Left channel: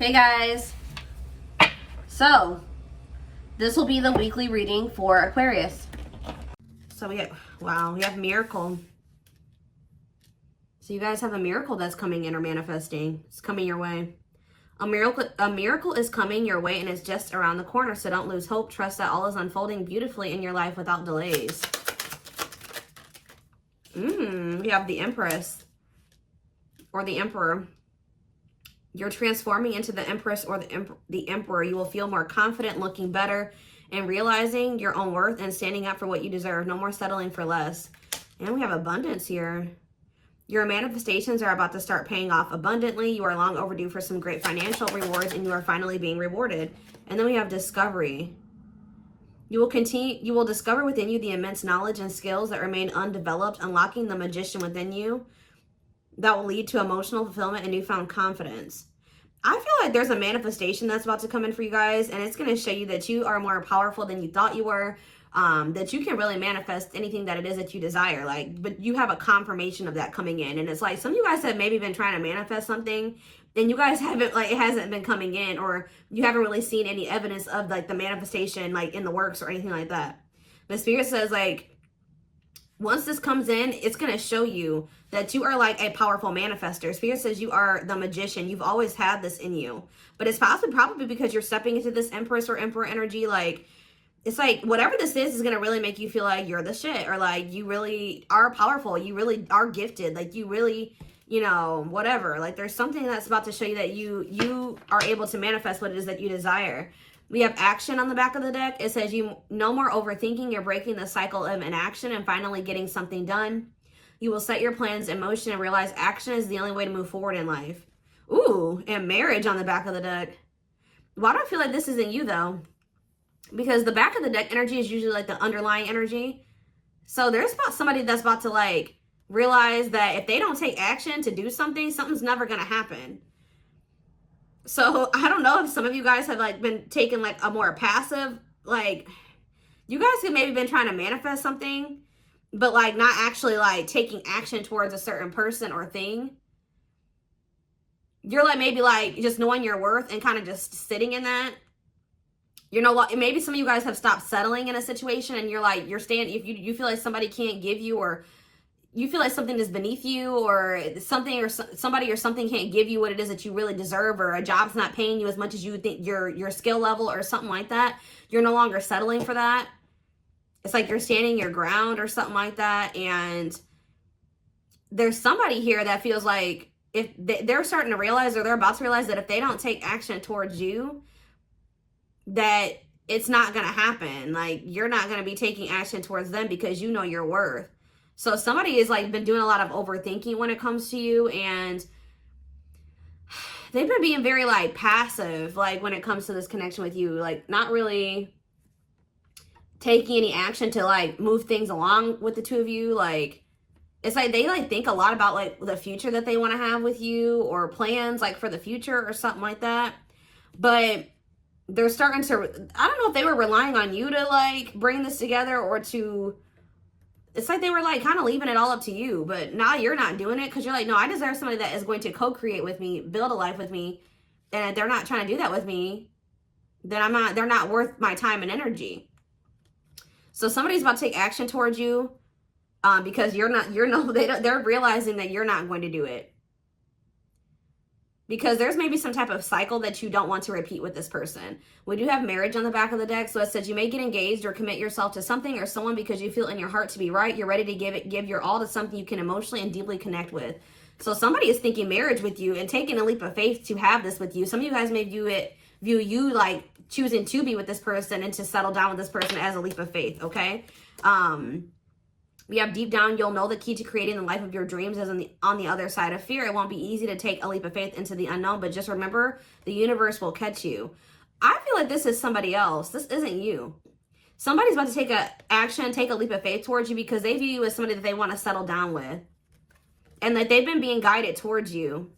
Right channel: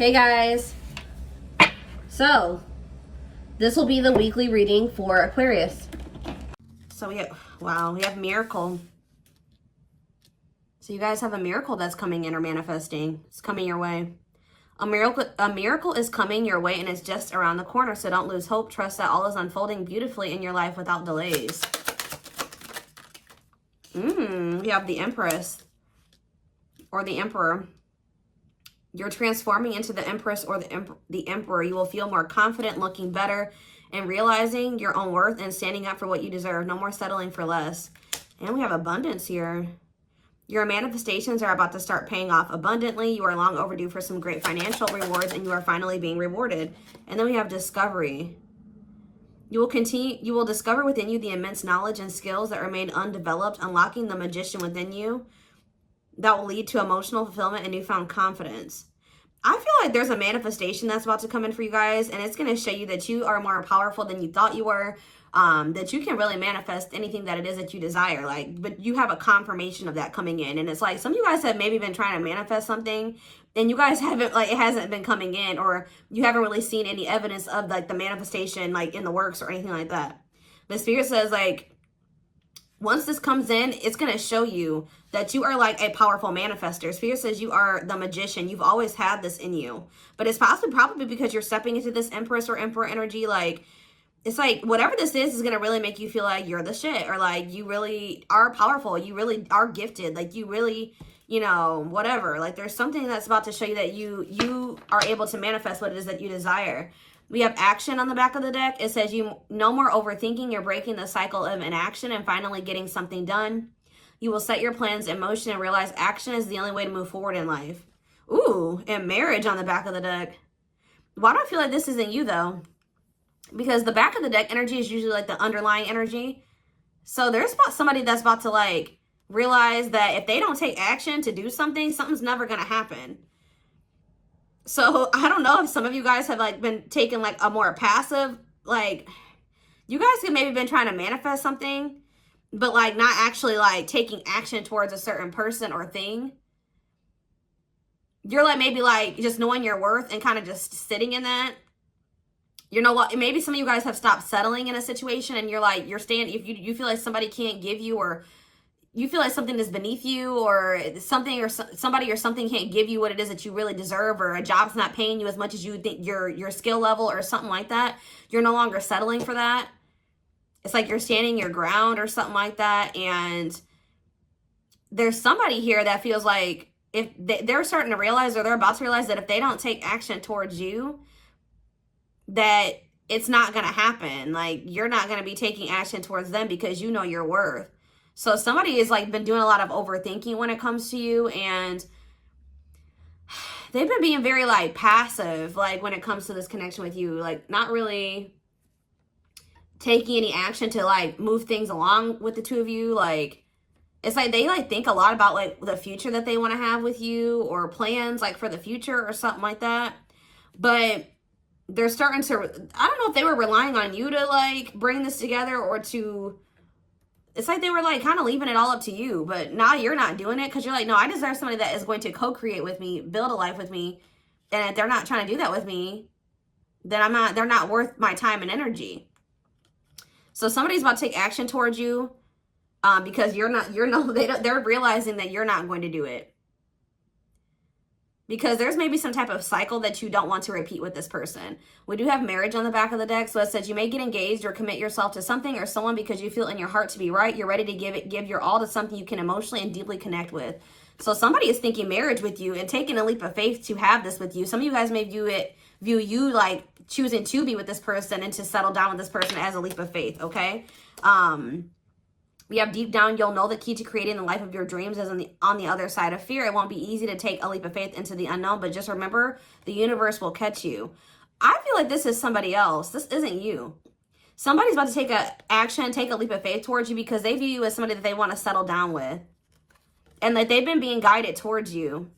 Hey guys, so this will be the weekly reading for Aquarius. So we have miracle. So you guys have a miracle that's coming in or manifesting. It's coming your way. A miracle is coming your way, and it's just around the corner. So don't lose hope. Trust that all is unfolding beautifully in your life without delays. You have the Empress or the Emperor. You're transforming into the Empress or the Emperor. You will feel more confident, looking better, and realizing your own worth and standing up for what you deserve. No more settling for less. And we have abundance here. Your manifestations are about to start paying off abundantly. You are long overdue for some great financial rewards, and you are finally being rewarded. And then we have discovery. You will discover within you the immense knowledge and skills that remain undeveloped, unlocking the magician within you that will lead to emotional fulfillment and newfound confidence. I feel like there's a manifestation that's about to come in for you guys, and it's going to show you that you are more powerful than you thought you were, that you can really manifest anything that it is that you desire. But you have a confirmation of that coming in, and it's like some of you guys have maybe been trying to manifest something, and you guys haven't, it hasn't been coming in, or you haven't really seen any evidence of the manifestation in the works or anything like that. But Spirit says once this comes in, it's going to show you that you are a powerful manifester. Spirit says you are the magician. You've always had this in you. But it's probably because you're stepping into this Empress or Emperor energy. It's whatever this is going to really make you feel like you're the shit. Or you really are powerful. You really are gifted. You really, whatever. There's something that's about to show you that you are able to manifest what it is that you desire. We have action on the back of the deck. It says no more overthinking. You're breaking the cycle of inaction and finally getting something done. You will set your plans in motion and realize action is the only way to move forward in life. Ooh, and marriage on the back of the deck. Why do I feel like this isn't you though? Because the back of the deck energy is usually the underlying energy. So there's somebody that's about to realize that if they don't take action to do something, something's never going to happen. So I don't know if some of you guys have been taking a more passive, you guys have maybe been trying to manifest something, but not actually taking action towards a certain person or thing. You're maybe just knowing your worth and kind of just sitting in that. Maybe some of you guys have stopped settling in a situation, and you're staying, if you feel like somebody can't give you, or you feel like something is beneath you, or something or somebody or something can't give you what it is that you really deserve, or a job's not paying you as much as you think your skill level or something like that. You're no longer settling for that. It's you're standing your ground or something like that. And there's somebody here that feels like if they're starting to realize, or they're about to realize, that if they don't take action towards you, that it's not going to happen. You're not going to be taking action towards them because you know your worth. So somebody has been doing a lot of overthinking when it comes to you, and they've been being very passive when it comes to this connection with you, not really taking any action to move things along with the two of you. It's they think a lot about the future that they want to have with you, or plans for the future or something like that. But they're starting to, I don't know if they were relying on you to bring this together, or to, it's they were kind of leaving it all up to you. But now you're not doing it because you're no, I deserve somebody that is going to co-create with me, build a life with me. And if they're not trying to do that with me, then they're not worth my time and energy. So somebody's about to take action towards you because they're realizing that you're not going to do it. Because there's maybe some type of cycle that you don't want to repeat with this person. We do have marriage on the back of the deck. So it says you may get engaged or commit yourself to something or someone because you feel in your heart to be right. You're ready to give your all to something you can emotionally and deeply connect with. So somebody is thinking marriage with you and taking a leap of faith to have this with you. Some of you guys may view you choosing to be with this person and to settle down with this person as a leap of faith, okay? We have deep down, you'll know the key to creating the life of your dreams is on the other side of fear. It won't be easy to take a leap of faith into the unknown, but just remember, the universe will catch you. I feel like this is somebody else. This isn't you. Somebody's about to take a leap of faith towards you because they view you as somebody that they want to settle down with. And that they've been being guided towards you.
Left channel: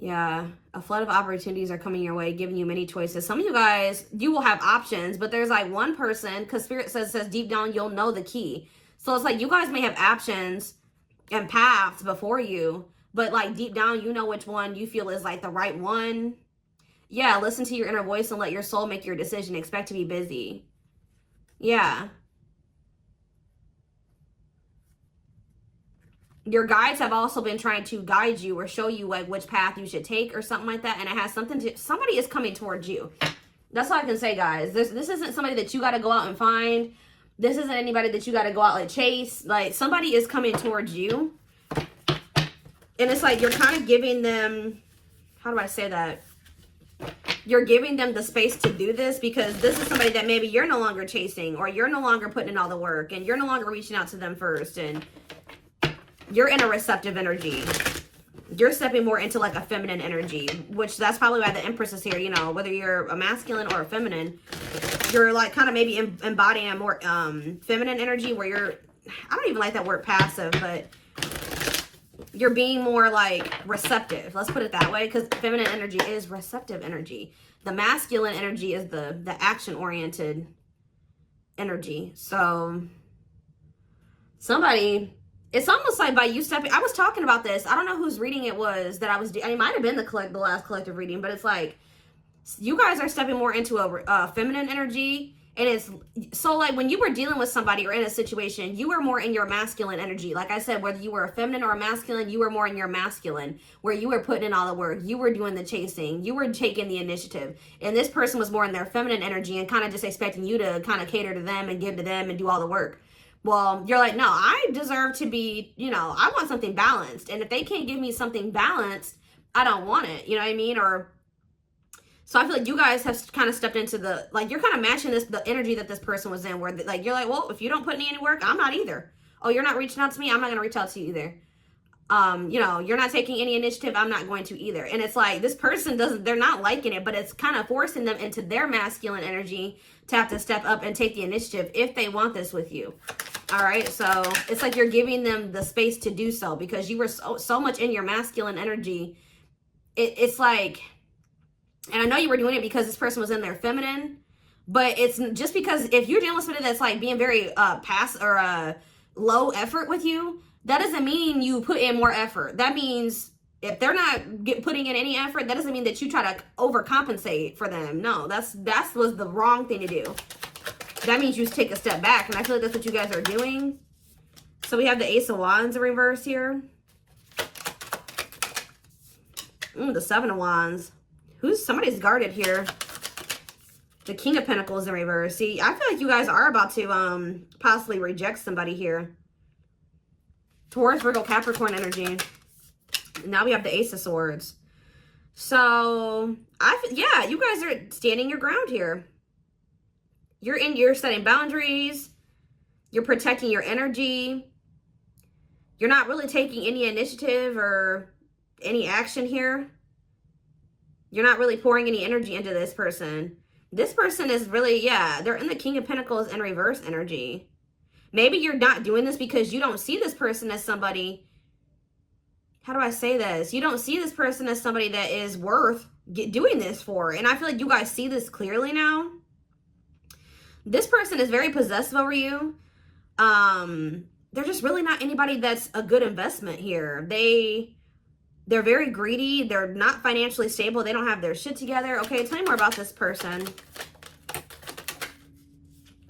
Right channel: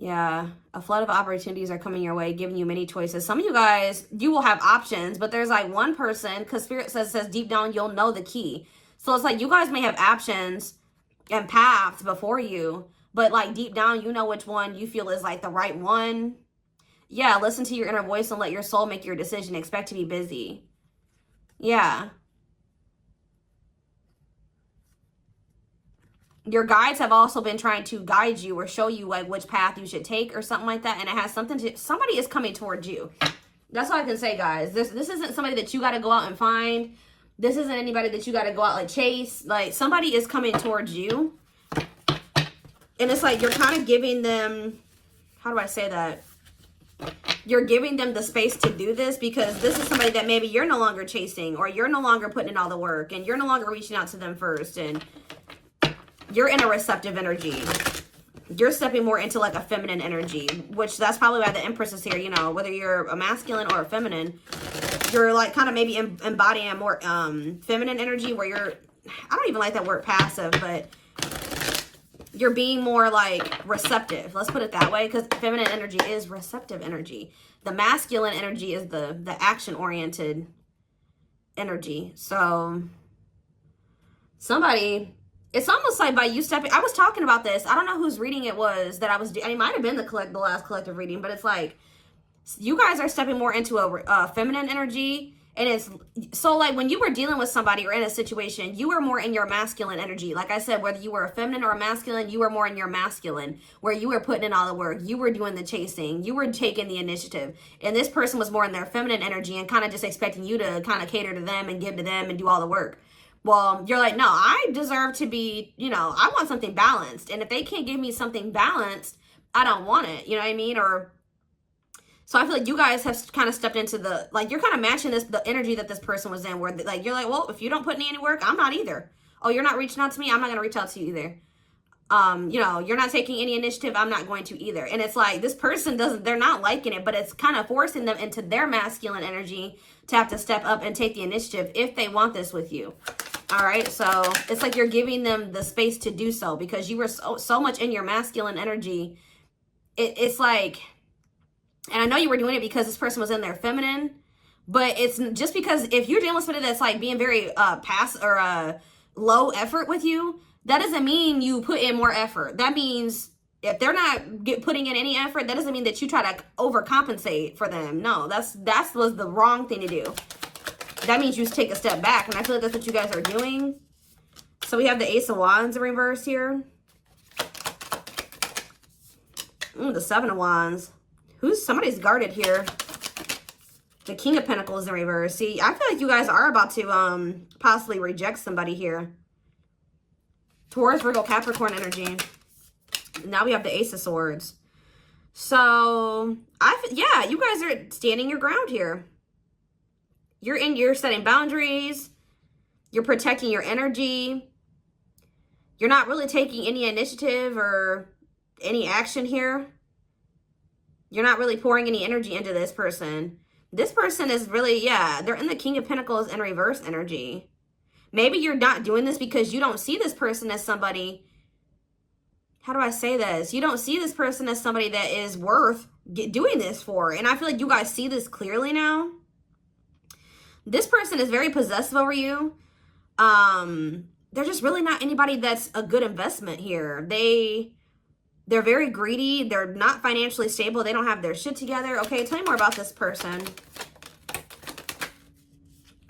Yeah, a flood of opportunities are coming your way, giving you many choices. Some of you guys, you will have options, but there's one person, because Spirit says deep down, you'll know the key. So it's you guys may have options and paths before you, but like deep down, you know which one you feel is like the right one. Yeah, listen to your inner voice and let your soul make your decision. Expect to be busy. Yeah. Your guides have also been trying to guide you or show you like which path you should take or something like that. And it has something to, somebody is coming towards you. That's all I can say, guys. This isn't somebody that you got to go out and find. This isn't anybody that you got to go out like chase. Like, somebody is coming towards you. And it's like you're kind of giving them, how do I say that? You're giving them the space to do this because this is somebody that maybe you're no longer chasing, or you're no longer putting in all the work, and you're no longer reaching out to them first, and you're in a receptive energy. You're stepping more into like a feminine energy, which that's probably why the Empress is here. You know, whether you're a masculine or a feminine, you're like kind of maybe embodying a more feminine energy where you're, I don't even like that word passive, but you're being more like receptive. Let's put it that way, because feminine energy is receptive energy. The masculine energy is the action-oriented energy. So somebody, it's almost like by you stepping, I was talking about this. I don't know whose reading it was that I was doing. It might have been the last collective reading, but it's like you guys are stepping more into a feminine energy. And it's so like when you were dealing with somebody or in a situation, you were more in your masculine energy. Like I said, whether you were a feminine or a masculine, you were more in your masculine, where you were putting in all the work. You were doing the chasing. You were taking the initiative. And this person was more in their feminine energy and kind of just expecting you to kind of cater to them and give to them and do all the work. Well, you're like, no, I deserve to be, you know, I want something balanced. And if they can't give me something balanced, I don't want it. You know what I mean? Or so I feel like you guys have kind of stepped into the, like, you're kind of matching the energy that this person was in, where like, you're like, well, if you don't put in any work, I'm not either. Oh, you're not reaching out to me, I'm not going to reach out to you either. You know, you're not taking any initiative, I'm not going to either. And it's like, this person they're not liking it, but it's kind of forcing them into their masculine energy to have to step up and take the initiative if they want this with you. All right. So it's like you're giving them the space to do so because you were so much in your masculine energy. It's like, and I know you were doing it because this person was in their feminine, but it's just because if you're dealing with somebody that's like being very low effort with you, that doesn't mean you put in more effort. That means if they're not putting in any effort, that doesn't mean that you try to overcompensate for them. No, that was the wrong thing to do. That means you just take a step back, and I feel like that's what you guys are doing. So we have the Ace of Wands in reverse here. The Seven of Wands. Somebody's guarded here. The King of Pentacles in reverse. See, I feel like you guys are about to possibly reject somebody here. Taurus, Virgo, Capricorn energy. Now we have the Ace of Swords. So, yeah, you guys are standing your ground here. You're setting boundaries. You're protecting your energy. You're not really taking any initiative or any action here. You're not really pouring any energy into this person. This person is really, yeah, they're in the King of Pentacles in reverse energy. Maybe you're not doing this because you don't see this person as somebody, how do I say this? You don't see this person as somebody that is worth doing this for. And I feel like you guys see this clearly now. This person is very possessive over you. They're just really not anybody that's a good investment here. They're very greedy. They're not financially stable. They don't have their shit together. Okay, tell me more about this person.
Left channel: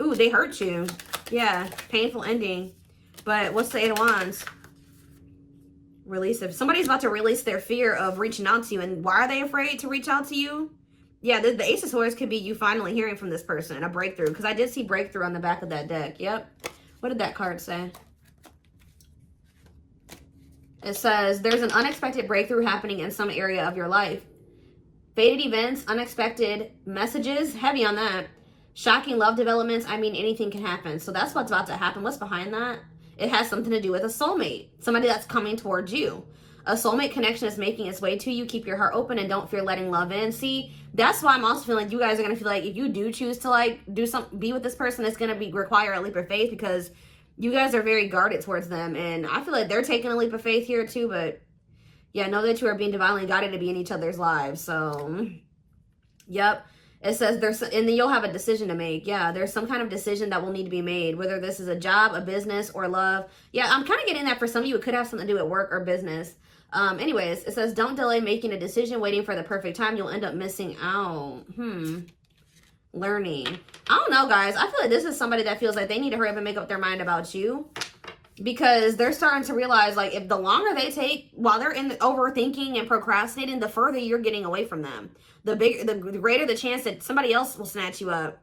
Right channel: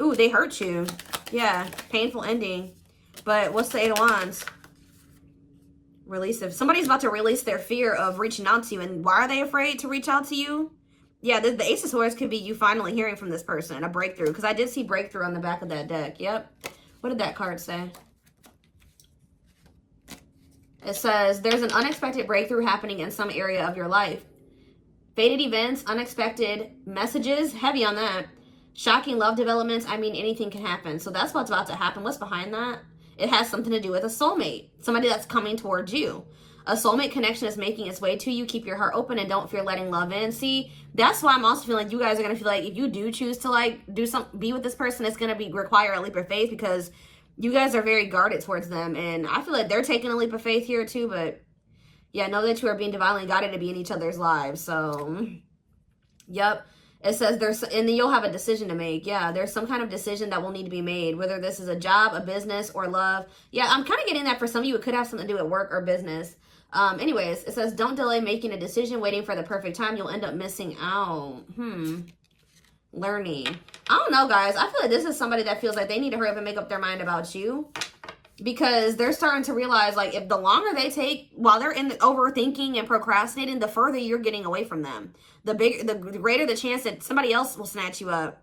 Ooh, they hurt you. Yeah, painful ending. But what's the Eight of Wands? Release of, somebody's about to release their fear of reaching out to you. And why are they afraid to reach out to you? Yeah, the Ace of Swords could be you finally hearing from this person, a breakthrough. Because I did see breakthrough on the back of that deck. Yep. What did that card say? It says, there's an unexpected breakthrough happening in some area of your life. Fated events, unexpected messages, heavy on that. Shocking love developments, I mean, anything can happen. So that's what's about to happen. What's behind that? It has something to do with a soulmate. Somebody that's coming towards you. A soulmate connection is making its way to you. Keep your heart open and don't fear letting love in. See, that's why I'm also feeling like you guys are going to feel like if you do choose to like be with this person, it's going to require a leap of faith because you guys are very guarded towards them. And I feel like they're taking a leap of faith here too. But yeah, know that you are being divinely guided to be in each other's lives. So, yep. It says and then you'll have a decision to make. Yeah, there's some kind of decision that will need to be made, whether this is a job, a business, or love. Yeah, I'm kind of getting that for some of you. It could have something to do with work or business. Anyways, it says, don't delay making a decision, waiting for the perfect time. You'll end up missing out. Learning. I don't know, guys. I feel like this is somebody that feels like they need to hurry up and make up their mind about you. Because they're starting to realize, like, if the longer they take while they're in the overthinking and procrastinating, the further you're getting away from them. The greater the chance that somebody else will snatch you up.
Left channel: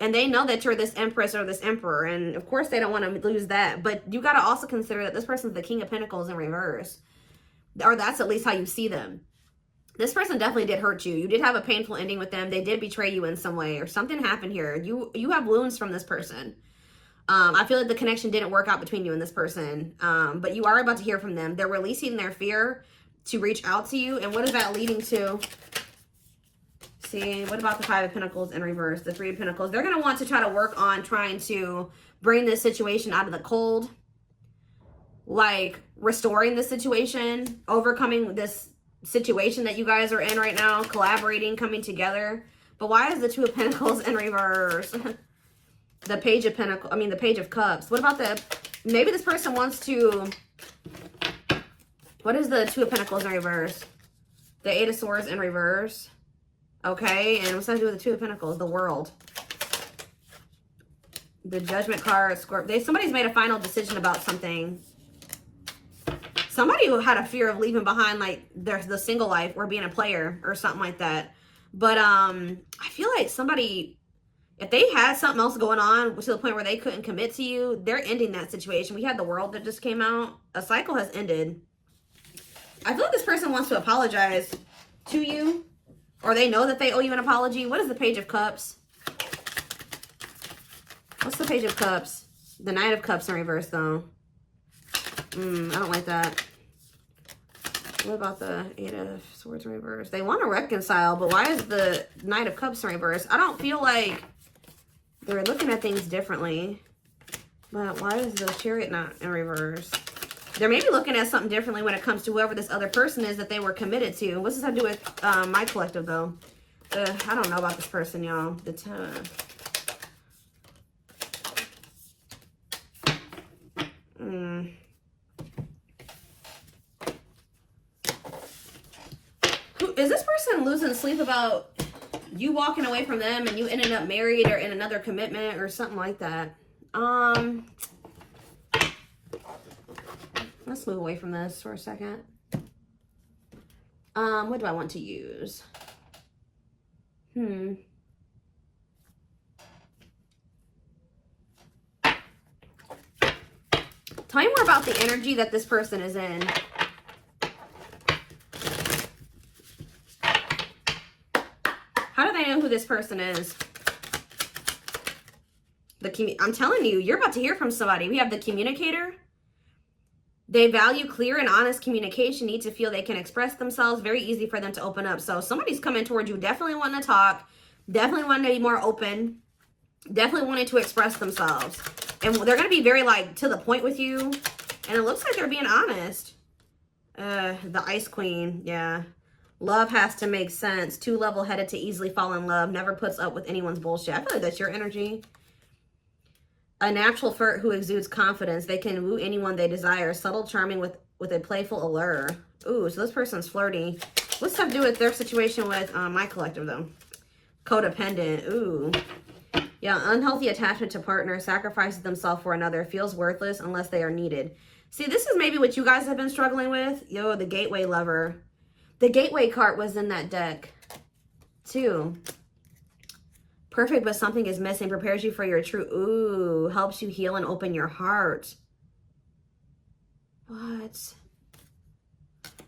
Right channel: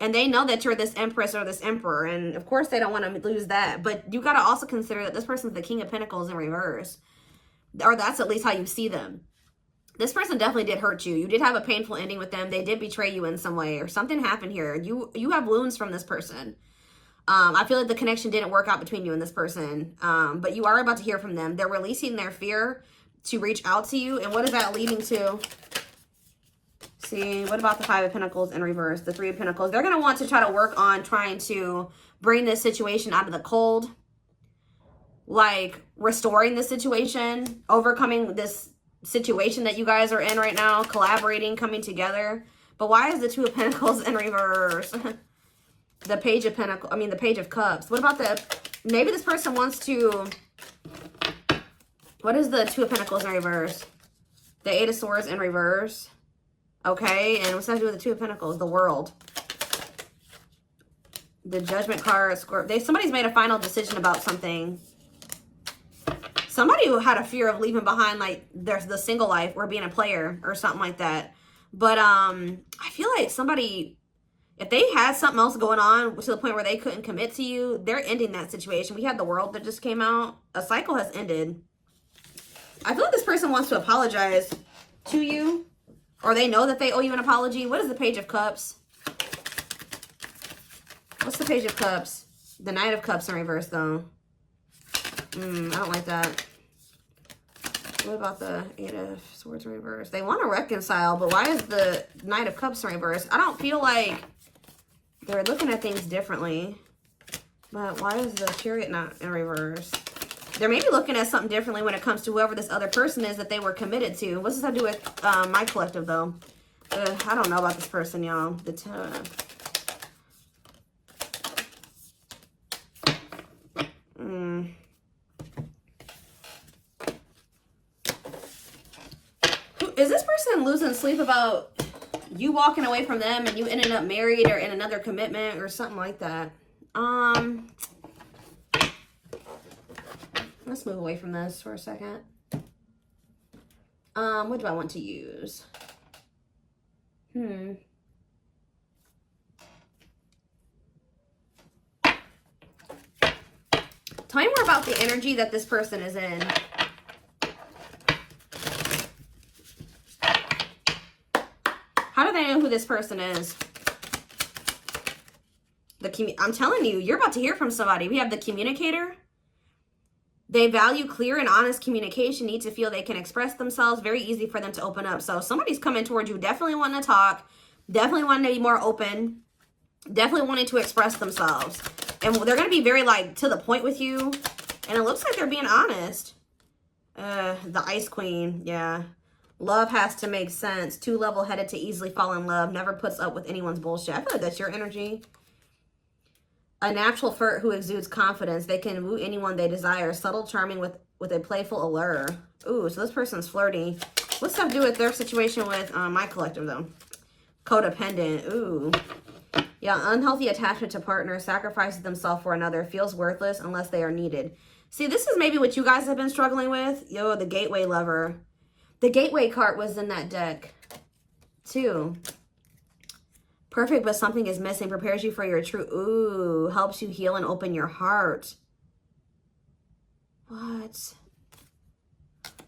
And they know that you're this empress or this emperor. And, of course, they don't want to lose that. But you got to also consider that this person's the King of Pentacles in reverse. Or that's at least how you see them. This person definitely did hurt you. You did have a painful ending with them. They did betray you in some way. Or something happened here. You have wounds from this person. I feel like the connection didn't work out between you and this person. But you are about to hear from them. They're releasing their fear to reach out to you. And what is that leading to? See, what about the Five of Pentacles in reverse? The Three of Pentacles. They're going to want to try to work on trying to bring this situation out of the cold. Like, restoring the situation. Overcoming this situation that you guys are in right now. Collaborating, coming together. But why is the Two of Pentacles in reverse? The Page of Pentacles. I mean, the Page of Cups. What about the... Maybe this person wants to... What is the Two of Pentacles in reverse? The Eight of Swords in reverse. Okay, and what's that to do with the Two of Pentacles? The World. The Judgment card. Somebody's made a final decision about something. Somebody who had a fear of leaving behind, like, the single life or being a player or something like that. But I feel like somebody, if they had something else going on to the point where they couldn't commit to you, they're ending that situation. We had the World that just came out. A cycle has ended. I feel like this person wants to apologize to you. Or they know that they owe you an apology. What is the Page of Cups? What's the Page of Cups? The Knight of Cups in reverse, though. I don't like that. What about the Eight of Swords in reverse? They want to reconcile, but why is the Knight of Cups in reverse? I don't feel like they're looking at things differently. But why is the Chariot not in reverse? They're maybe looking at something differently when it comes to whoever this other person is that they were committed to. What's this have to do with my collective, though? I don't know about this person, y'all. Is this person losing sleep about you walking away from them and you ending up married or in another commitment or something like that? Let's move away from this for a second. What do I want to use? Tell me more about the energy that this person is in. How do they know who this person is? I'm telling you, you're about to hear from somebody. We have the Communicator. They value clear and honest communication, need to feel they can express themselves. Very easy for them to open up. So somebody's coming towards you, definitely wanting to talk, definitely wanting to be more open, definitely wanting to express themselves. And they're going to be very, like, to the point with you. And it looks like they're being honest. The Ice Queen, yeah. Love has to make sense. Too level-headed to easily fall in love. Never puts up with anyone's bullshit. I feel like that's your energy. A natural flirt who exudes confidence. They can woo anyone they desire. Subtle, charming with a playful allure. Ooh, so this person's flirty. What's that to do with their situation with my collective, though? Codependent. Ooh. Yeah, unhealthy attachment to partner. Sacrifices themselves for another. Feels worthless unless they are needed. See, this is maybe what you guys have been struggling with. Yo, the Gateway Lover. The Gateway card was in that deck, too. Perfect, but something is missing. Prepares you for your true... Ooh, helps you heal and open your heart. What?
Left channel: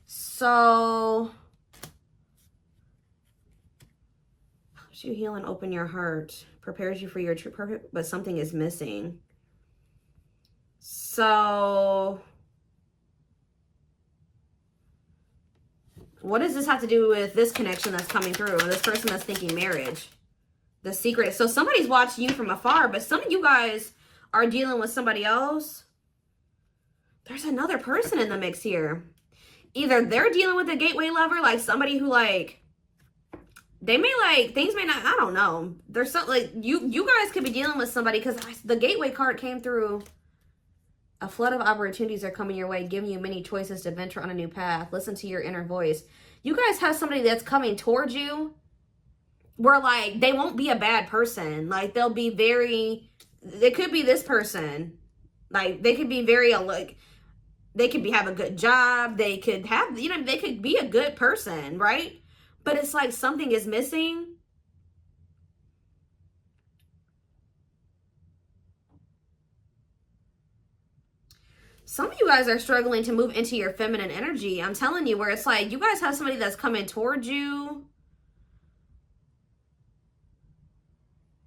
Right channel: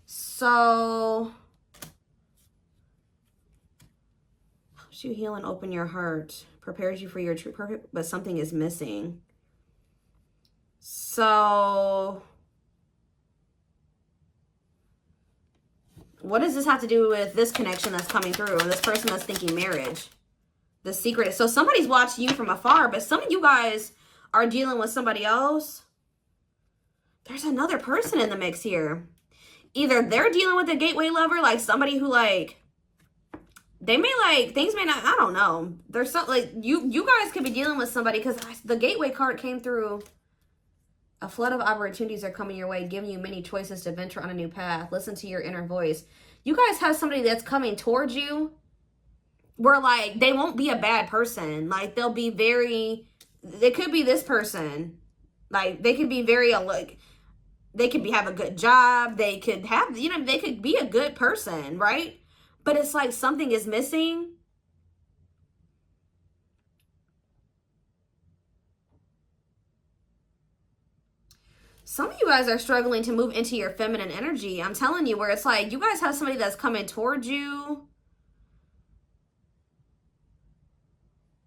So... helps you heal and open your heart. Prepares you for your true... Perfect, but something is missing. So... what does this have to do with this connection that's coming through? This person that's thinking marriage? The secret. So somebody's watching you from afar, but some of you guys are dealing with somebody else. There's another person in the mix here. Either they're dealing with a Gateway Lover, like somebody who, like, they may, like, things may not, I don't know. There's something, like, you guys could be dealing with somebody, because the Gateway card came through A flood of opportunities are coming your way, giving you many choices to venture on a new path. Listen to your inner voice. You guys have somebody that's coming towards you where, like, they won't be a bad person. Like, they'll be very, they could be this person. Like, they could be very, like, they could have a good job. They could have, you know, they could be a good person, right? But it's like something is missing. Some of you guys are struggling to move into your feminine energy. I'm telling you, where it's like you guys have somebody that's coming towards you.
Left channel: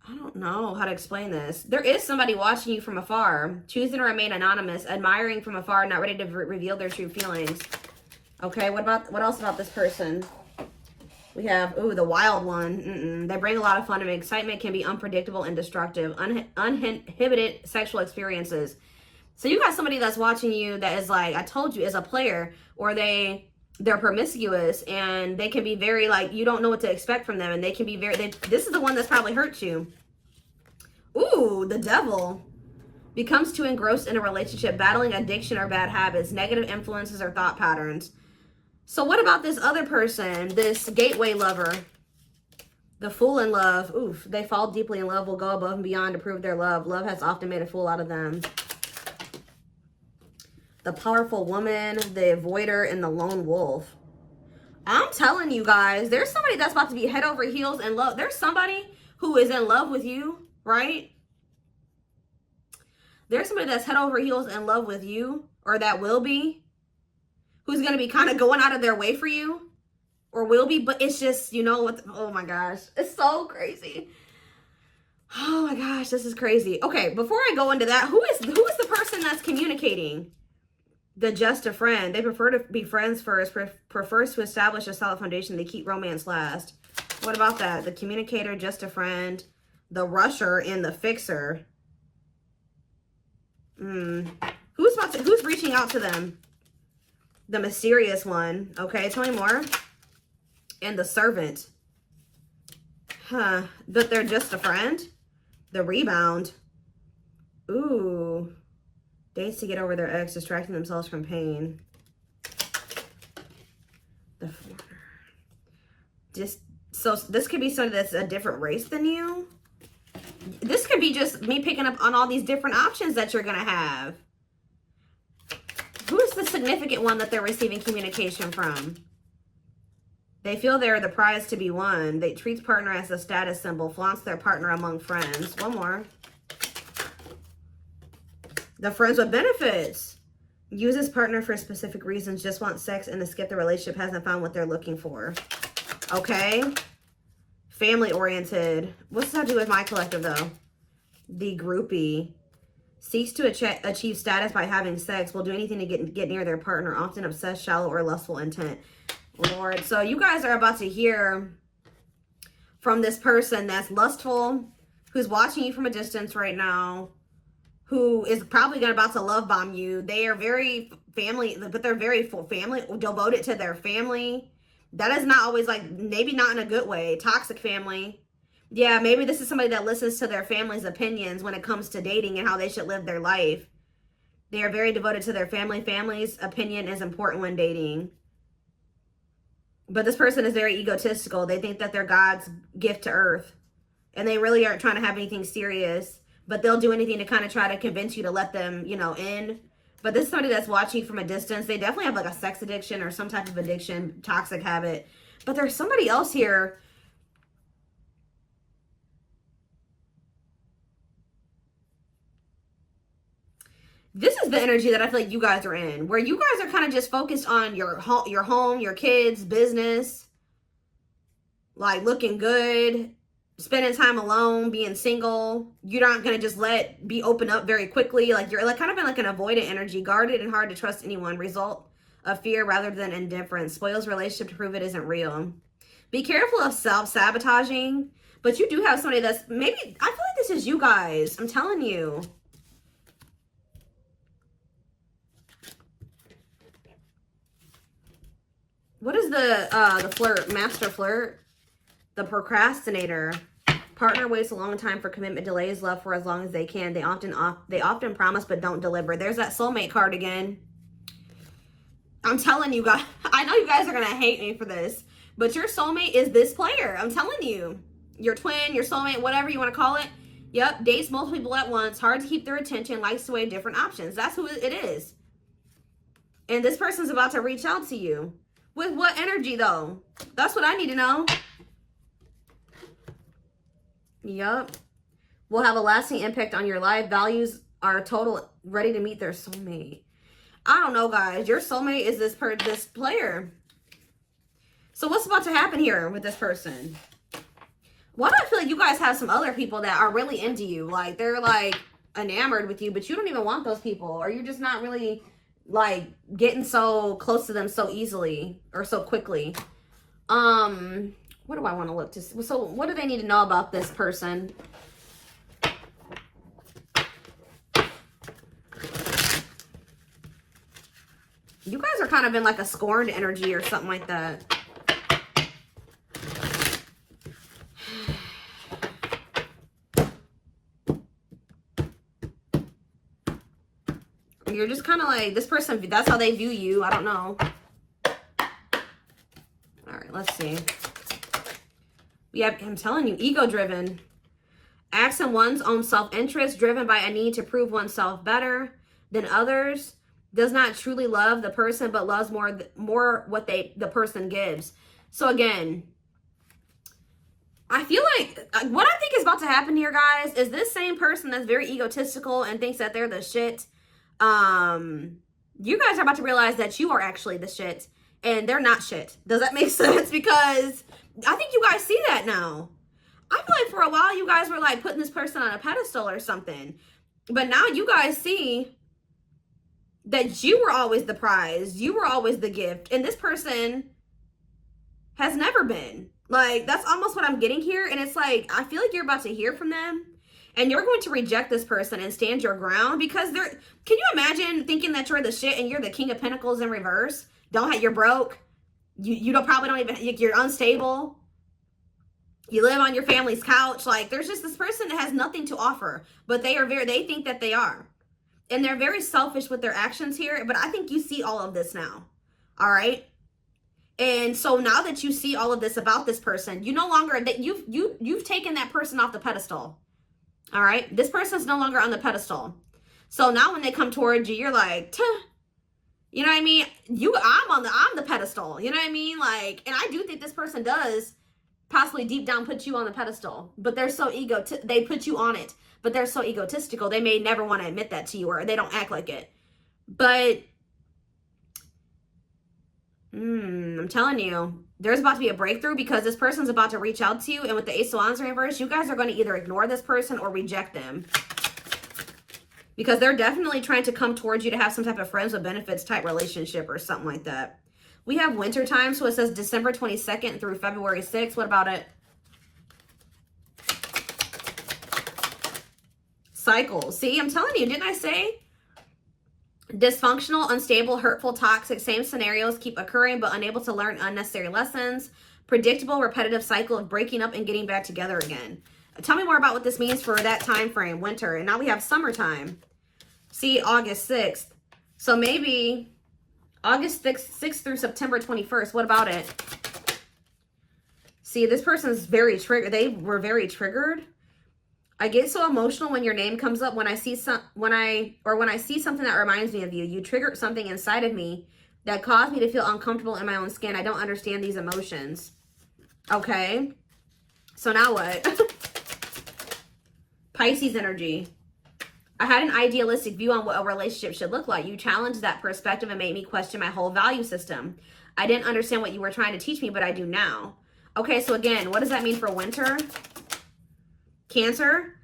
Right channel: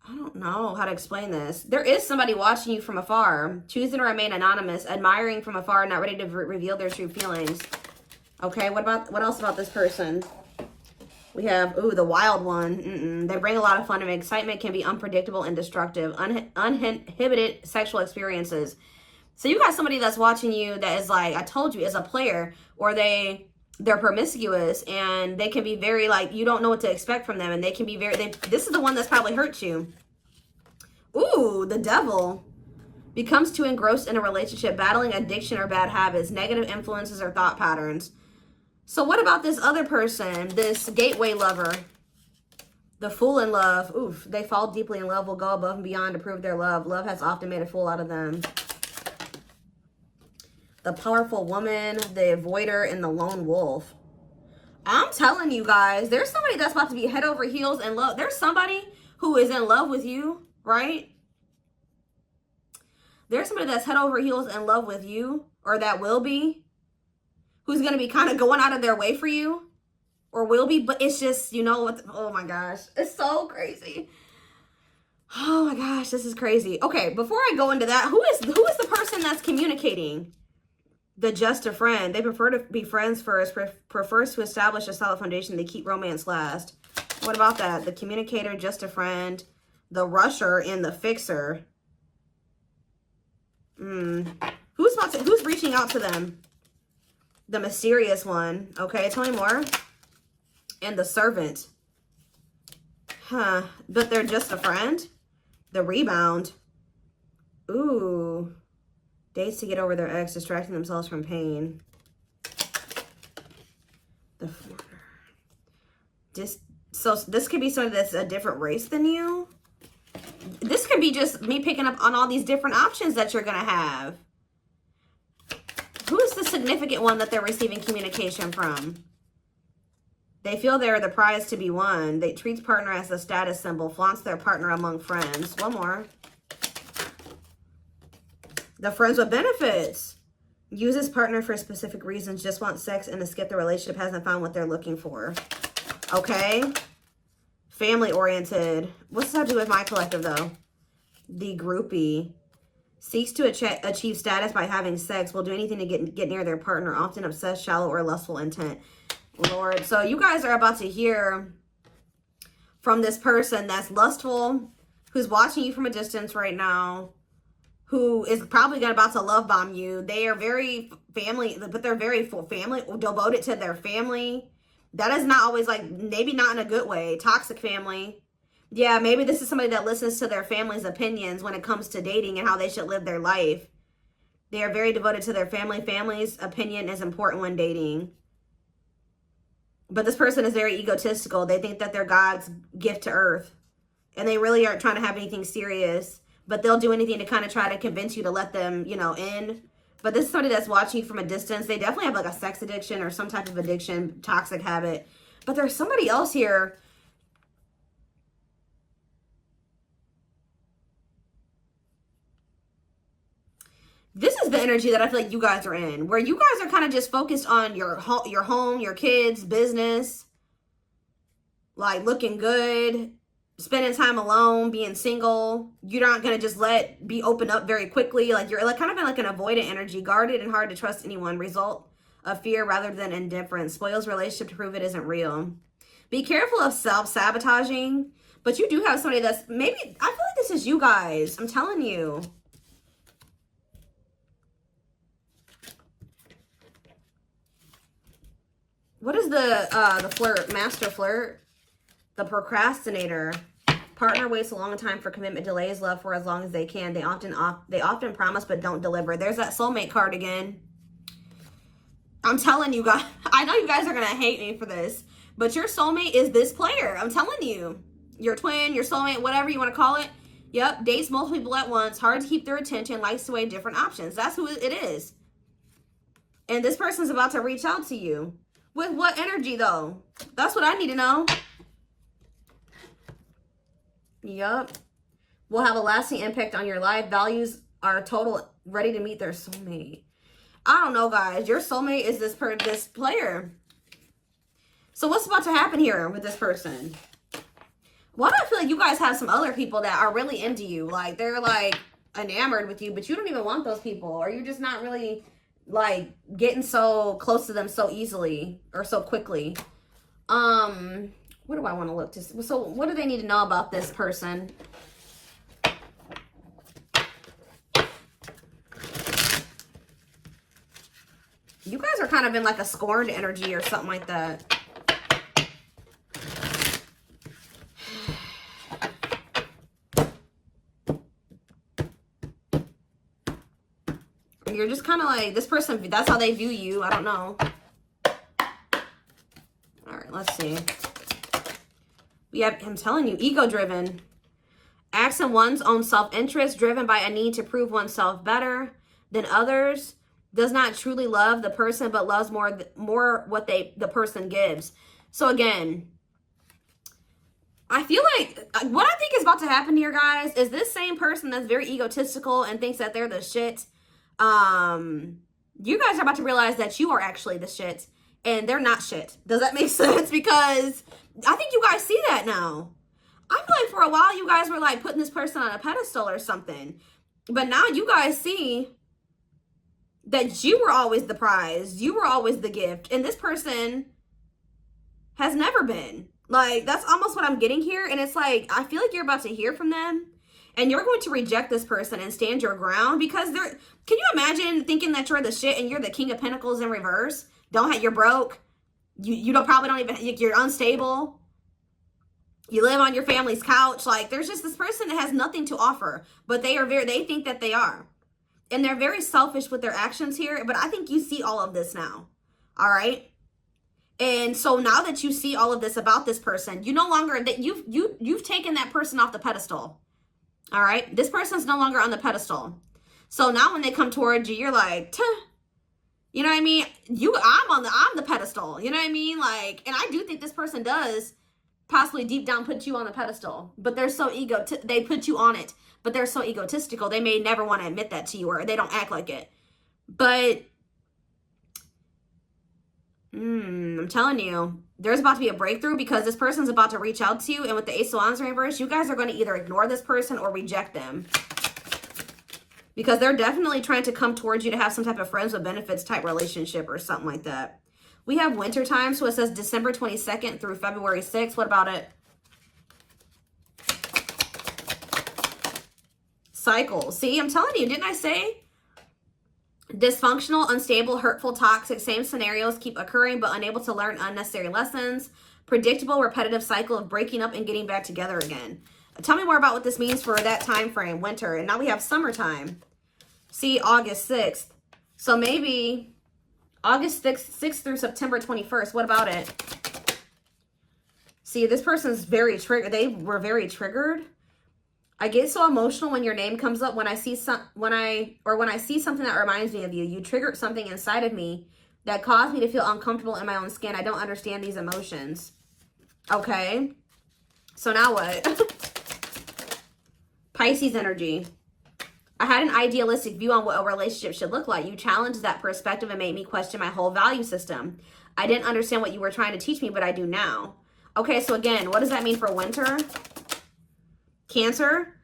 I don't know how to explain this. There is somebody watching you from afar, choosing to remain anonymous, admiring from afar, not ready to reveal their true feelings. Okay, what else about this person? We have, ooh, the wild one. They bring a lot of fun and excitement, can be unpredictable and destructive. Uninhibited sexual experiences. So you got somebody that's watching you that is like, I told you, is a player, or they're promiscuous, and they can be very, like, you don't know what to expect from them, and they can be very, this is the one that's probably hurt you. Ooh, the devil. Becomes too engrossed in a relationship, battling addiction or bad habits, negative influences or thought patterns. So what about this other person, this gateway lover? The fool in love. Oof, they fall deeply in love, will go above and beyond to prove their love. Love has often made a fool out of them. The powerful woman, the avoider, and the lone wolf. I'm telling you guys, there's somebody that's about to be head over heels in love. There's somebody who is in love with you, right? There's somebody that's head over heels in love with you, or that will be, who's going to be kind of going out of their way for you, or will be, but it's just, you know what, oh my gosh, it's so crazy. Oh my gosh, this is crazy. Okay, before I go into that, who is the person that's communicating? The just a friend. They prefer to be friends first, prefers to establish a solid foundation. They keep romance last. What about that? The communicator, just a friend, the rusher, and the fixer. Who's reaching out to them? The mysterious one. Okay, tell me more. And the servant. Huh. But they're just a friend? The rebound. Ooh. Dates to get over their ex, distracting themselves from pain. So this could be somebody that's a different race than you. This could be just me picking up on all these different options that you're going to have. Who is the significant one that they're receiving communication from? They feel they're the prize to be won. They treat partner as a status symbol, flaunts their partner among friends. One more. The friends with benefits. Uses partner for specific reasons, just wants sex and to skip the relationship, hasn't found what they're looking for. Okay. Family oriented. What's that do with my collective though? The groupie. Seeks to achieve status by having sex. Will do anything to get near their partner. Often obsessed, shallow, or lustful intent. Lord. So you guys are about to hear from this person that's lustful, who's watching you from a distance right now, who is probably about to love bomb you. They are very family, but they're very family, devoted to their family. That is not always, like, maybe not in a good way. Toxic family. Yeah, maybe this is somebody that listens to their family's opinions when it comes to dating and how they should live their life. They are very devoted to their family. Family's opinion is important when dating. But this person is very egotistical. They think that they're God's gift to earth. And they really aren't trying to have anything serious. But they'll do anything to kind of try to convince you to let them, you know, in. But this is somebody that's watching from a distance. They definitely have like a sex addiction or some type of addiction, toxic habit. But there's somebody else here. This is the energy that I feel like you guys are in, where you guys are kind of just focused on your home, your kids, business, like looking good, spending time alone, being single. You're not going to just be open up very quickly. Like you're like kind of in like an avoidant energy, guarded and hard to trust anyone. Result of fear rather than indifference. Spoils relationship to prove it isn't real. Be careful of self-sabotaging, but you do have somebody that's maybe, I feel like this is you guys. I'm telling you. What is the flirt, master flirt? The procrastinator. Partner waits a long time for commitment, delays love for as long as they can. They often promise but don't deliver. There's that soulmate card again. I'm telling you guys, I know you guys are going to hate me for this, but your soulmate is this player. I'm telling you. Your twin, your soulmate, whatever you want to call it. Yep, dates multiple people at once, hard to keep their attention, likes to weigh different options. That's who it is. And this person's about to reach out to you. With what energy, though? That's what I need to know. Yep. Will have a lasting impact on your life. Values are total, ready to meet their soulmate. I don't know, guys. Your soulmate is this player. So what's about to happen here with this person? Why do I feel like you guys have some other people that are really into you? Like, they're, like, enamored with you, but you don't even want those people. Or you're just not really, like, getting so close to them so easily or so quickly. What do I want to look to? So, what do they need to know about this person? You guys are kind of in, like, a scorned energy or something like that. You're just kind of like, this person, that's how they view you. I don't know. All right, let's see. We have, I'm telling you, ego-driven. Acts on one's own self-interest, driven by a need to prove oneself better than others. Does not truly love the person, but loves more what the person gives. So again, I feel like what I think is about to happen here, guys, is this same person that's very egotistical and thinks that they're the shit. You guys are about to realize that you are actually the shit and they're not shit. Does that make sense? Because I think you guys see that now. I feel like for a while you guys were like putting this person on a pedestal or something, but now you guys see that you were always the prize. You were always the gift, and this person has never been. Like, that's almost what I'm getting here. And it's like, I feel like you're about to hear from them. And you're going to reject this person and stand your ground because they're, can you imagine thinking that you're the shit and you're the King of Pentacles in reverse? You're broke. You probably don't even, you're unstable. You live on your family's couch. Like, there's just this person that has nothing to offer, but they think that they are. And they're very selfish with their actions here, but I think you see all of this now. All right. And so now that you see all of this about this person, you no longer, that you've taken that person off the pedestal. All right, this person's no longer on the pedestal. So now when they come towards you, you're like, you know what I mean? I'm the pedestal. You know what I mean? Like, and I do think this person does possibly deep down put you on the pedestal, but they're so they put you on it, but they're so egotistical. They may never want to admit that to you, or they don't act like it. But I'm telling you, there's about to be a breakthrough because this person's about to reach out to you. And with the Ace of Wands in reverse, you guys are going to either ignore this person or reject them. Because they're definitely trying to come towards you to have some type of friends with benefits type relationship or something like that. We have winter time, so it says December 22nd through February 6th. What about it? Cycle. See, I'm telling you, didn't I say? Dysfunctional, unstable, hurtful, toxic, same scenarios keep occurring but unable to learn unnecessary lessons. Predictable, repetitive cycle of breaking up and getting back together again. Tell me more about what this means for that time frame, winter. And now we have summertime. See, August 6th. So maybe August 6th through September 21st. What about it? See, this person's very triggered. They were very triggered. I get so emotional when your name comes up. When I see something that reminds me of you. You triggered something inside of me that caused me to feel uncomfortable in my own skin. I don't understand these emotions. Okay. So now what? Pisces energy. I had an idealistic view on what a relationship should look like. You challenged that perspective and made me question my whole value system. I didn't understand what you were trying to teach me, but I do now. Okay, so again, what does that mean for winter? Cancer,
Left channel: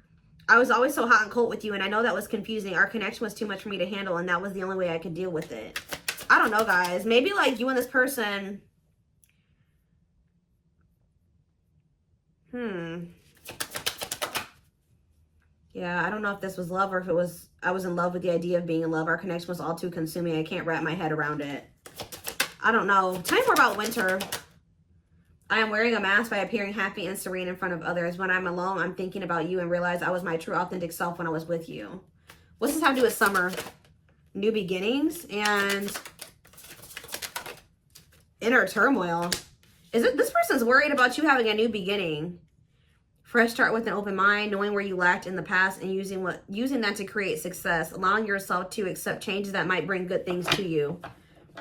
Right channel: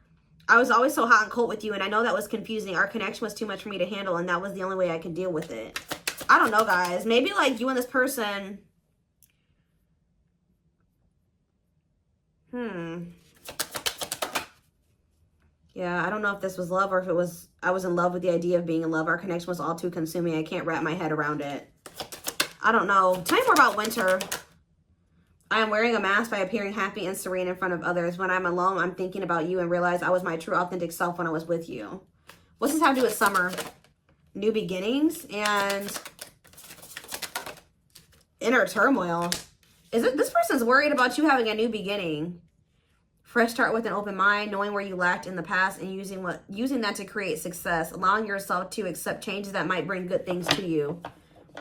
I was always so hot and cold with you, and I know that was confusing. Our connection was too much for me to handle, and that was the only way I could deal with it. I don't know, guys. Maybe, like, you and this person... Yeah, I don't know if this was love or if it was... I was in love with the idea of being in love. Our connection was all too consuming. I can't wrap my head around it. I don't know. Tell me more about winter. I am wearing a mask by appearing happy and serene in front of others. When I'm alone, I'm thinking about you and realize I was my true authentic self when I was with you. What's this have to do with summer? New beginnings and inner turmoil. Is it this person's worried about you having a new beginning? Fresh start with an open mind, knowing where you lacked in the past and using that to create success, allowing yourself to accept changes that might bring good things to you.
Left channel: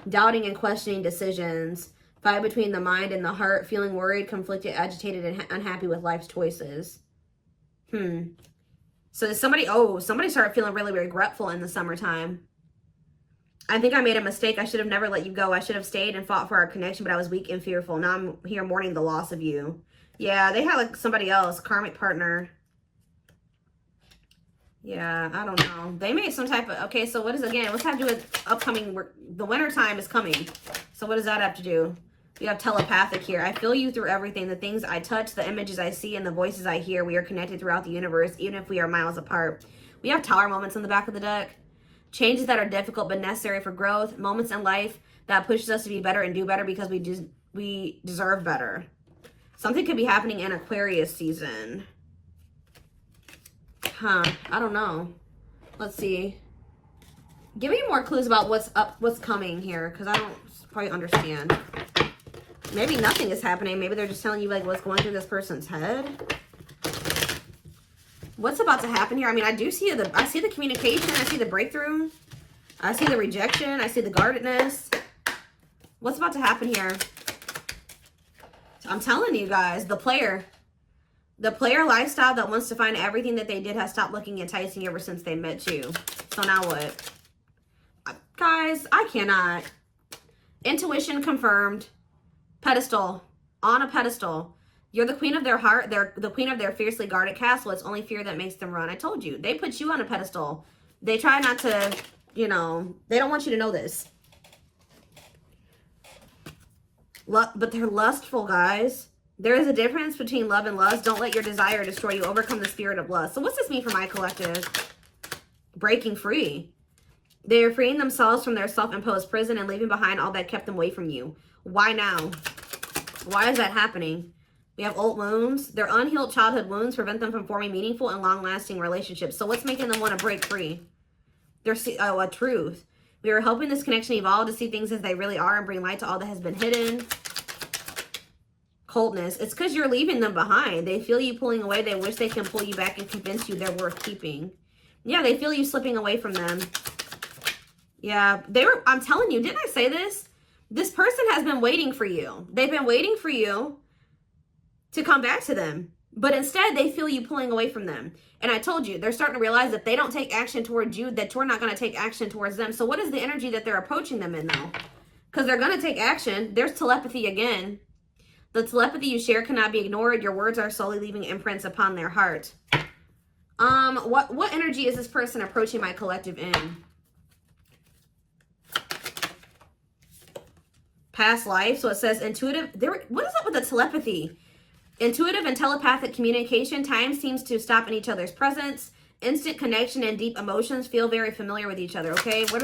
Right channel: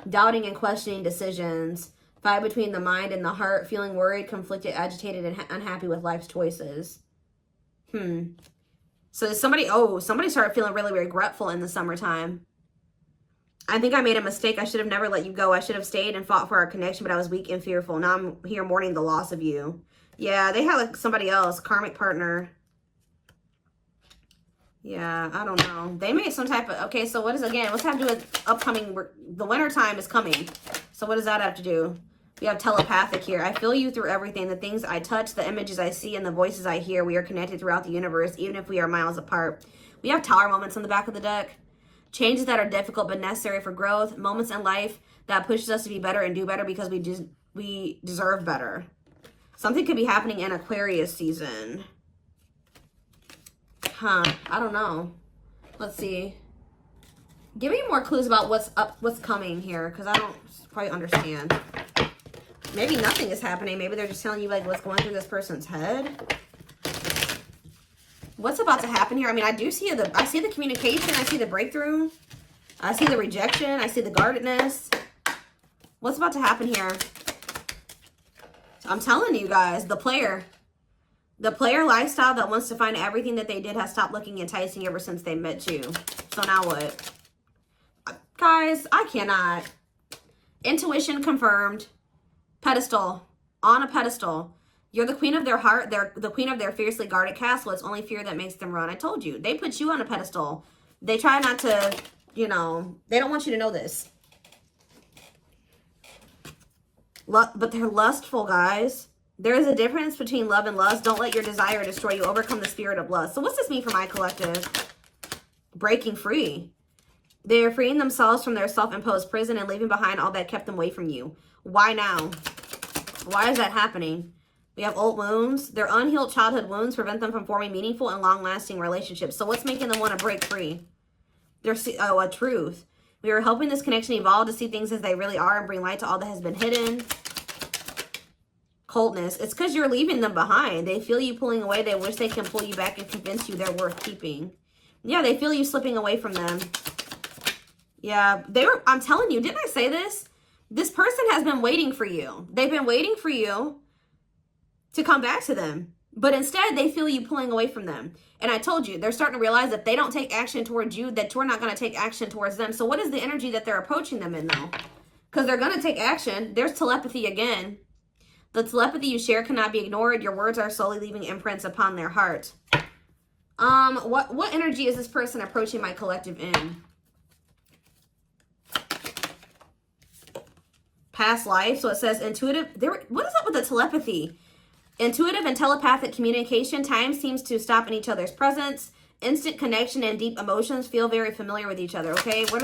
Doubting and questioning decisions. Fight between the mind and the heart, feeling worried, conflicted, agitated, and unhappy with life's choices. So somebody started feeling really regretful in the summertime. I think I made a mistake. I should have never let you go. I should have stayed and fought for our connection, but I was weak and fearful. Now I'm here mourning the loss of you. Yeah, they had like somebody else, karmic partner. Yeah, I don't know. They made some type of, okay, so what is, again, what's have to do with upcoming, the winter time is coming. So what does that have to do? You have telepathic here. I feel you through everything. The things I touch, the images I see, and the voices I hear. We are connected throughout the universe, even if we are miles apart. We have tower moments in the back of the deck. Changes that are difficult but necessary for growth. Moments in life that pushes us to be better and do better because we deserve better. Something could be happening in Aquarius season. I don't know. Let's see. Give me more clues about what's coming here, because I don't quite understand. Maybe nothing is happening. Maybe they're just telling you like what's going through this person's head. What's about to happen here? I mean, I see the communication. I see the breakthrough. I see the rejection. I see the guardedness. What's about to happen here? I'm telling you guys, the player lifestyle that wants to find everything that they did has stopped looking enticing ever since they met you. So now what? Guys, I cannot. Intuition confirmed. Pedestal. On a pedestal. You're the queen of their heart. They're the queen of their fiercely guarded castle. It's only fear that makes them run. I told you. They put you on a pedestal. They try not to, you know, they don't want you to know this. But they're lustful, guys. There is a difference between love and lust. Don't let your desire destroy you. Overcome the spirit of lust. So what's this mean for my collective? Breaking free. They are freeing themselves from their self-imposed prison and leaving behind all that kept them away from you. Why now? Why is that happening? We have old wounds. Their unhealed childhood wounds prevent them from forming meaningful and long-lasting relationships. So what's making them want to break free? A truth. We are helping this connection evolve to see things as they really are and bring light to all that has been hidden. Coldness. It's because you're leaving them behind. They feel you pulling away. They wish they can pull you back and convince you they're worth keeping. Yeah, they feel you slipping away from them. Yeah, I'm telling you, didn't I say this? This person has been waiting for you. They've been waiting for you to come back to them. But instead, they feel you pulling away from them. And I told you, they're starting to realize that they don't take action towards you, that you're not going to take action towards them. So what is the energy that they're approaching them in, though? Because they're going to take action. There's telepathy again. The telepathy you share cannot be ignored. Your words are slowly leaving imprints upon their heart. What energy is this person approaching my collective in? Past life. So it says intuitive. What is up with the telepathy? Intuitive and telepathic communication. Time seems to stop in each other's presence. Instant connection and deep emotions. Feel very familiar with each other. Okay. What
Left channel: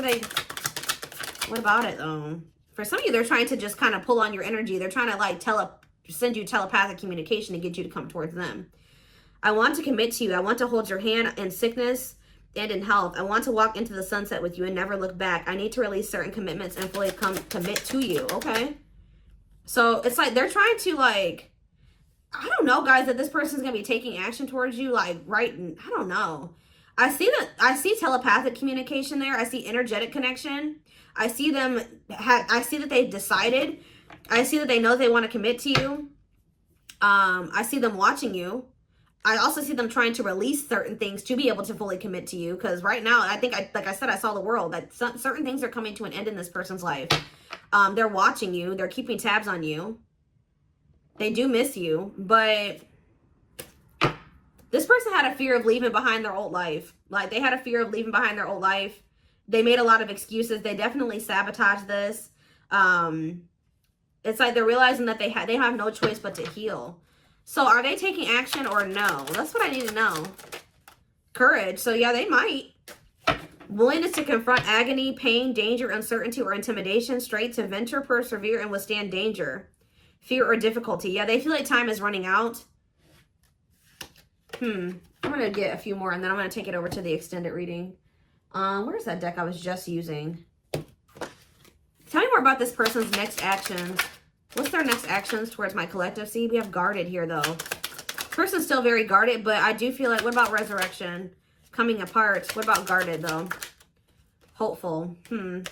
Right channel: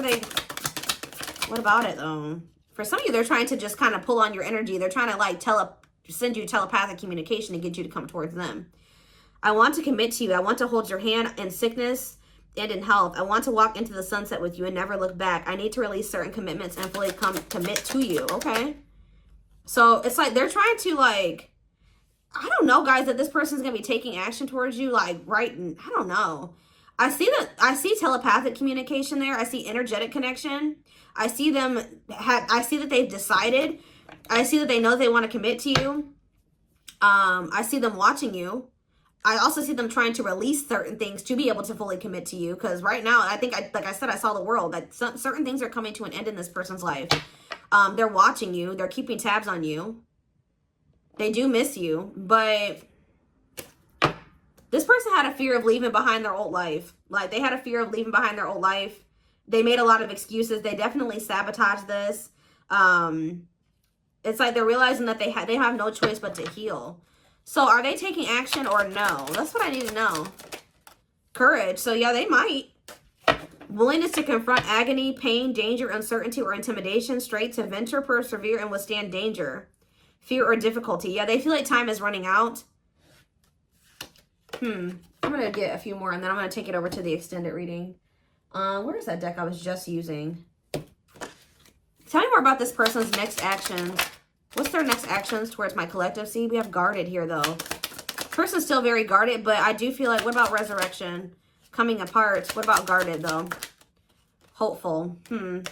about it though? For some of you, they're trying to just kind of pull on your energy. They're trying to like send you telepathic communication to get you to come towards them. I want to commit to you. I want to hold your hand in sickness and in health. I want to walk into the sunset with you and never look back. I need to release certain commitments and fully commit to you. Okay. So it's like they're trying to like, I don't know, guys, that this person's going to be taking action towards you. Like, right. I don't know. I see telepathic communication there. I see energetic connection. I see them. I see that they've decided. I see that they know they want to commit to you. I see them watching you. I also see them trying to release certain things to be able to fully commit to you. Because right now, I think, like I said, I saw the world. That certain things are coming to an end in this person's life. They're watching you. They're keeping tabs on you. They do miss you. But this person had a fear of leaving behind their old life. Like, they had a fear of leaving behind their old life. They made a lot of excuses. They definitely sabotaged this. It's like they're realizing that they have no choice but to heal. So are they taking action or no? That's what I need to know. Courage. So yeah, they might. Willingness to confront agony, pain, danger, uncertainty, or intimidation. Strength to venture, persevere, and withstand danger. fear or difficulty. Yeah, they feel like time is running out. I'm going to get a few more, and then I'm going to take it over to the extended reading. Where's that deck I was just using? Tell me more about this person's next actions. What's their next actions towards my collective? See, we have guarded here, though. Person's still very guarded, but I do feel like, what about resurrection? Coming apart. What about guarded, though? Hopeful. I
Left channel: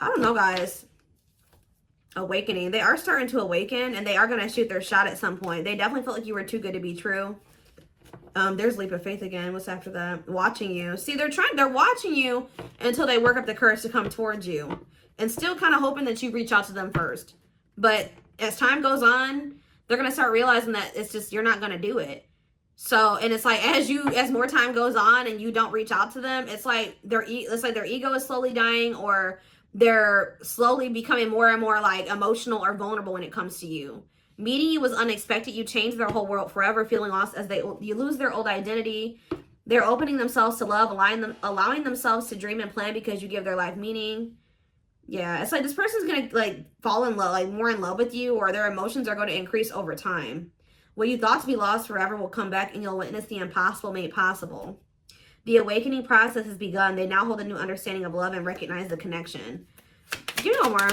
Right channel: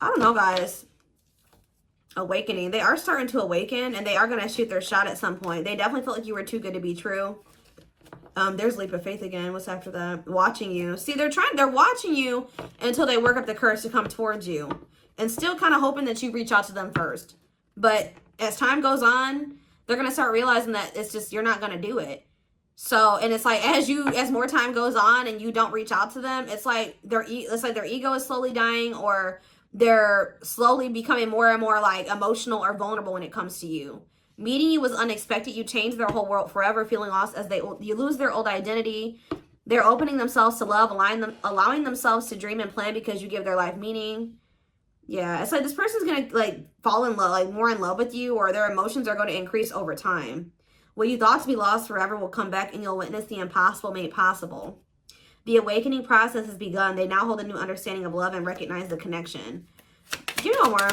don't know, guys. Awakening. They are starting to awaken, and they are going to shoot their shot at some point. They definitely felt like you were too good to be true. There's leap of faith again. What's after that? Watching you. See, they're watching you until they work up the courage to come towards you. And still kind of hoping that you reach out to them first. But as time goes on, they're going to start realizing that it's just, you're not going to do it. So, and it's like, as more time goes on and you don't reach out to them, it's like their ego is slowly dying, or they're slowly becoming more and more like emotional or vulnerable when it comes to you. Meeting you was unexpected. You changed their whole world forever, feeling lost as you lose their old identity. They're opening themselves to love, allowing themselves to dream and plan because you give their life meaning. Yeah, it's like this person's going to like fall in love, like more in love with you, or their emotions are going to increase over time. What you thought to be lost forever will come back, and you'll witness the impossible made possible. The awakening process has begun. They now hold a new understanding of love and recognize the connection. You know more.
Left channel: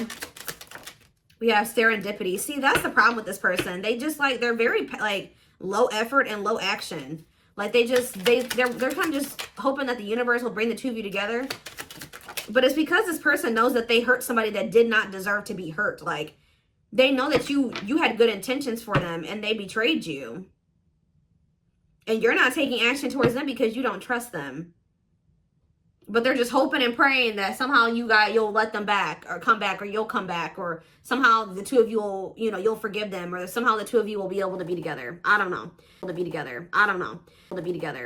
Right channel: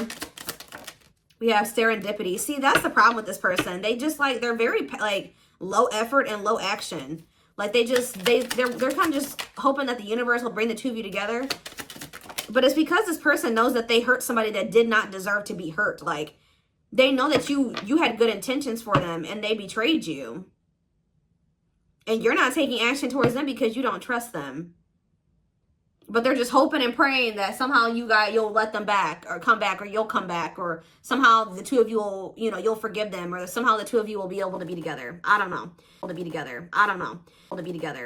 We have serendipity. See, that's the problem with this person. They just like, they're very like low effort and low action. Like they're kind of just hoping that the universe will bring the two of you together. But it's because this person knows that they hurt somebody that did not deserve to be hurt. Like, they know that you had good intentions for them, and they betrayed you. And you're not taking action towards them because you don't trust them. But they're just hoping and praying that somehow you'll let them back, or come back, or you'll come back, or somehow the two of you will, you'll forgive them, or somehow the two of you will be able to be together. I don't know. To be together. I don't know. To be together.